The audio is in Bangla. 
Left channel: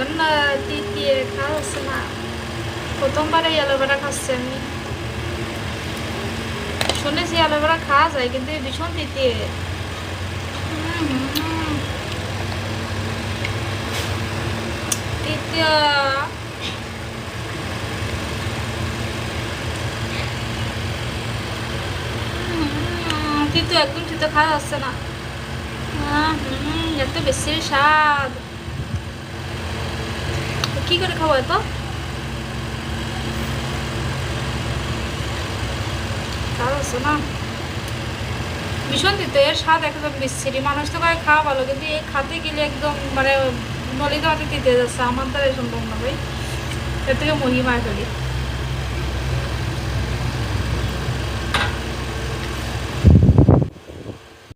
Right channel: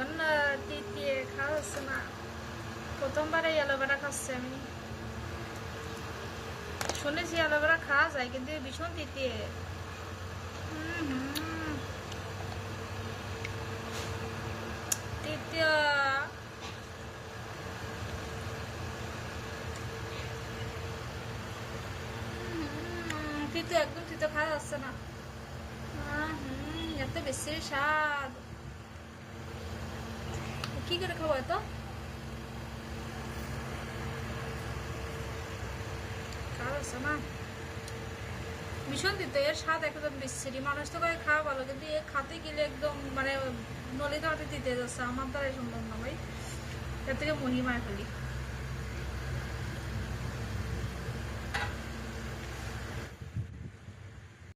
এখন না দিয়ে খাওয়া হচ্ছে না। প্রথমবারে অ্যালোভেরা খাচ্ছি আমি। শুনেছি অ্যালোভেরা খাওয়া যায় কিন্তু ভীষণ তিতিয়ে। তিতিয়া তিতো একদম তিতো খাওয়া যাচ্ছে না। এত বেশি স্বাদ, কি করে খাবো এত? খাওয়া যাচ্ছে না, ভীষণ তিতো। এর স্বাদ একদম বিচ্ছিরি। মানুষ তো করে খাওয়া ভালো, কিন্তু এ খাতে গেলে একদম মানে নলিতে হাতে তিতে যাচ্ছে। আমার দ্বারা সম্ভব না ভাই, এর থেকে মহিমায় ফেলি।